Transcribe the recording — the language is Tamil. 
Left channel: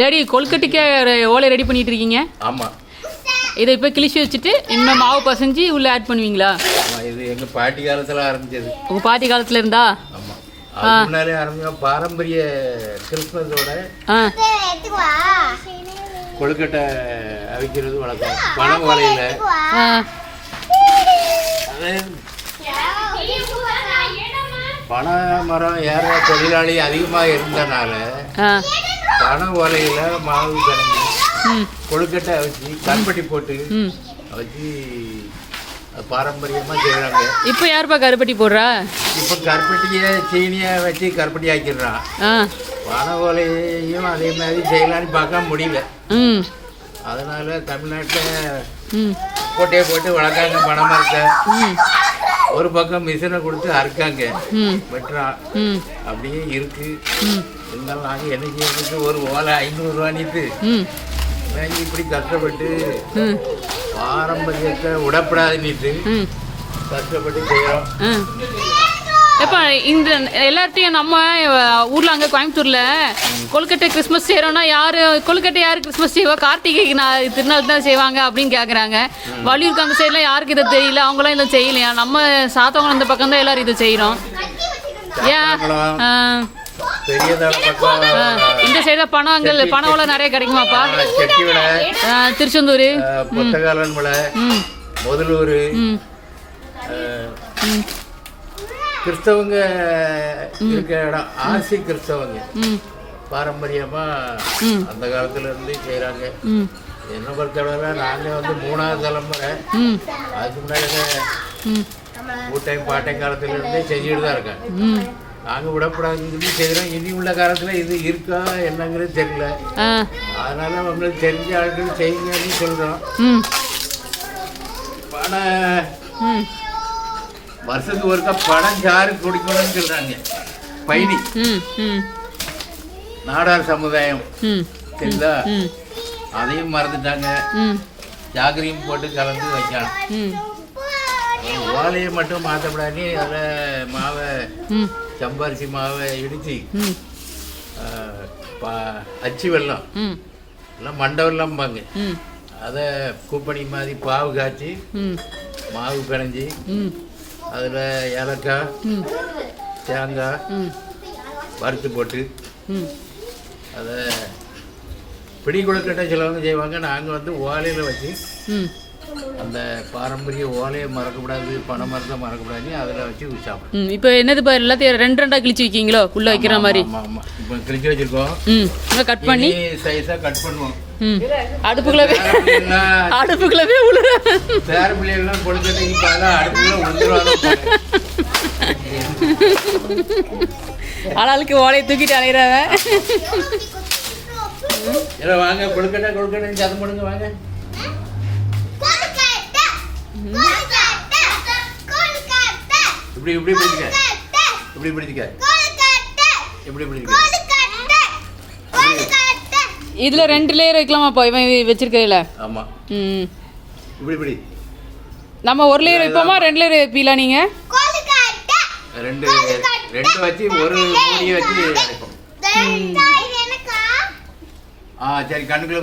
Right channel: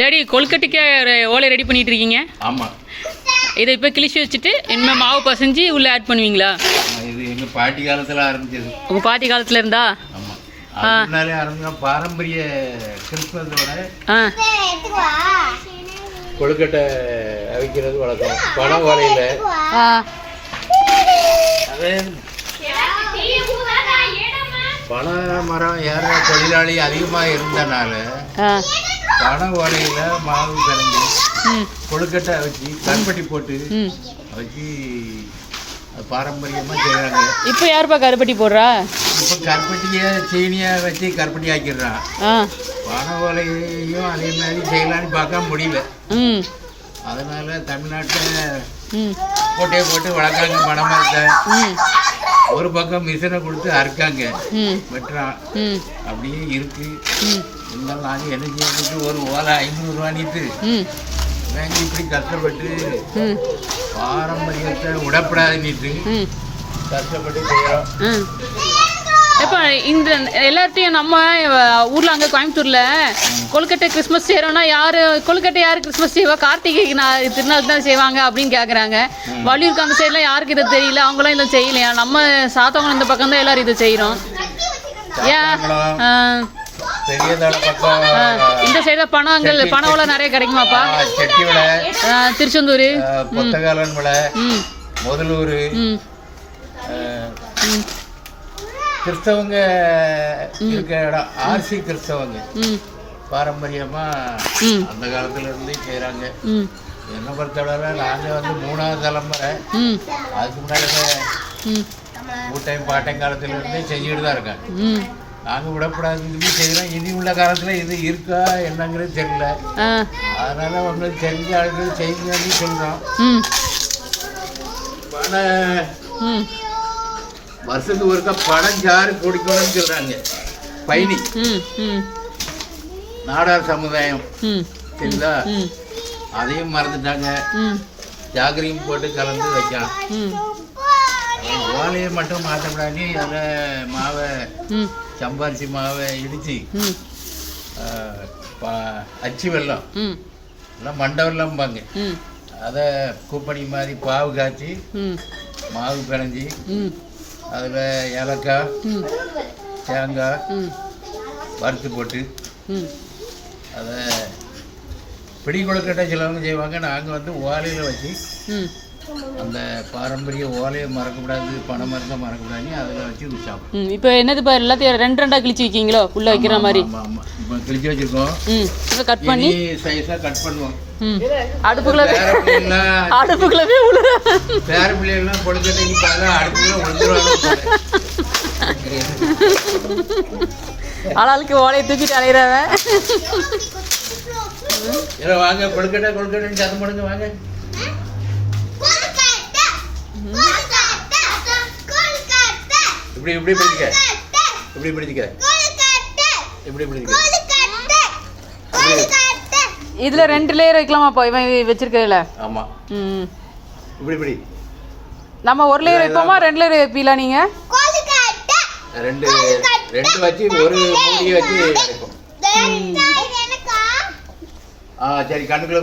டேடி கொழுக்கட்டைக்கு ஓலை ரெடி பண்ணிட்டு இருக்கீங்க? ஆமாம். இதை இப்போ கிழிச்சு வச்சுட்டு இனிமேல் மாவு பசைஞ்சு உள்ளே ஆட் பண்ணுவீங்களா? இது எங்கள் பாட்டி காலத்தில் ஆரம்பிச்சது. உங்கள் பாட்டி காலத்தில் இருந்தா? ஆமாம். முன்னாலே ஆரம்பிச்சோம். பாரம்பரிய கிறிஸ்மஸோட கொழுக்கட்டை அவிக்கிறது வழக்கம். பனை ஓலையில் அது பனை மரம் ஏற தொழிலாளி அதிகமாக இருந்தனால பனை ஓலையில் மாவு கலந்து கொழுக்கட்டை வச்சு கருப்பட்டி போட்டு வச்சு பாரம்பரியமாக செய்கிறாங்க. இப்போ யாருப்பா கருப்பட்டி போடுறா? இப்போ கருப்பட்டியை சீனியை வச்சு கருப்பட்டி ஆக்கிடுறான். பனை ஓலையையும் அதே மாதிரி செய்யலான்னு பார்க்க முடியல. அதனால தமிழ்நாட்டில் கோட்டையை போட்டு வளர்க்காங்க பனை மரத்தை. ஒரு பக்கம் மிஷினை கொடுத்து அறுக்காங்க, வெட்டுறான். அப்படியே இருக்கு. இருந்தாலும் நாங்கள் என்ன செய்யறதுக்கு ஒரு ஓலை 500 ரூபானிட்டு நாங்கள் இப்படி கஷ்டப்பட்டு பாரம்பரியத்தை விடப்படாதுன்னுட்டு கஷ்டப்பட்டு செய்கிறோம். இப்போ இந்த எல்லார்ட்டையும் நம்ம ஊரில் அங்கே கோயம்புத்தூரில் கொழுக்கட்டை கிறிஸ்மஸ் செய்கிறோன்னா கொழுக்கட்டை யார் கிறிஸ்மஸ் செய்வா? கார்த்திகை திருநாள் தான் செய்வாங்க அப்படின்னு கேட்குறாங்க. வள்ளியூருக்கு அந்த சைட்லாம் யாருக்கு இதை தெரியல, அவங்களாம் இதை செய்யலையா? நம்ம சாத்தவங்க இந்த பக்கம் தான் எல்லோரும் இதை செய்கிறோம். ஏன் இந்த சைடு பணவளை நிறைய கிடைக்குமாப்பா? திருச்செந்தூர், பொத்தகாலன் மலை, முதலூர், கிறிஸ்தவங்க இருக்க இடம். ஆர்சி கிறிஸ்தவங்க பாரம்பரியமா அந்த காலத்துல இருந்து செய்யறாங்க. என்ன பொறுத்தவரை நாங்கள் வந்து 3வது தலைமுறை. அதுக்கு முன்னாடி கூட்டையும் பாட்டையும் காலத்துல இருந்தே செஞ்சுட்டு தான் இருக்காங்க. நாங்கள் விடப்படாதுன்னு சொல்லி செய்கிறோம். இனி உள்ள காலத்தில் இது இருக்கா என்னங்கிறது தெரியல. அதனால அவங்களுக்கு தெரிஞ்ச ஆட்கள் செய்யுங்கன்னு சொல்கிறோம். பணம் வருஷத்துக்கு ஒருக்கா பணம் சாறு குடிக்கணும்னு சொல்கிறாங்க. பயணி நாடார் சமுதாயம் சரிங்களா, அதையும் மறந்துட்டாங்க. ஜாக்கிரையும் போட்டு கலந்து வைக்கலாம். ஓலையை மட்டும் மாற்றப்படாது. அதில் மாவை சம்பாரிச்சி மாவை இடித்து அச்சு வெல்லம் எல்லாம் மண்டை வெல்லம்பாங்க. அதை கூப்பணி மாதிரி பாவு காய்ச்சி மாவு பிணைஞ்சி அதில் ஏலக்காய் தேங்காய் வறுத்து போட்டு அதை பிடி கொழுக்கட்டை சிலவங்க செய்வாங்க. நாங்கள் வந்து ஓலையில் வச்சு அந்த பாரம்பரிய ஓலையை மறக்கக்கூடாது, பனை மரத்தை மறக்கக்கூடாது, அதில் வச்சு உச்சாகும். இப்போ என்னது பாரு, எல்லாத்தையும் 2 கிழிச்சு வைக்கிங்களோ உள்ளே வைக்கிற மாதிரி? ஆமாம், இப்போ கிழிச்சு வச்சுருக்கோம். கட் பண்ணி சைஸாக கட் பண்ணுவோம். அடுப்புக்குள்ளே பேர பிள்ளைகள்லாம் கொழுக்கட்டைக்கு பார்த்தா அடுப்புக்குள்ளே விழுந்துருவாங்க. ஆளாளுக்கு ஓலையை தூக்கிட்டு அலையிறாவ. இல்லை வாங்க, கொழுக்கட்டைன்னு சத்தம் போடுங்க வாங்க. இப்படி பிடிச்சிக்க, இப்படி பிடிச்சிக்க, இப்படி பிடிச்சிக்க. இதுல 2 லேயர் வைக்கலாமாப்பா இவன் வச்சிருக்கிறதுல? ஆமா. இப்படி நம்ம 1 லேயர் வைப்போமா 2 லேயர் வைப்பீங்களா நீங்க? 2 வச்சு ஒரு மூடியை வச்சு அடைப்போம். சரி, கண்ணுக்குள்ள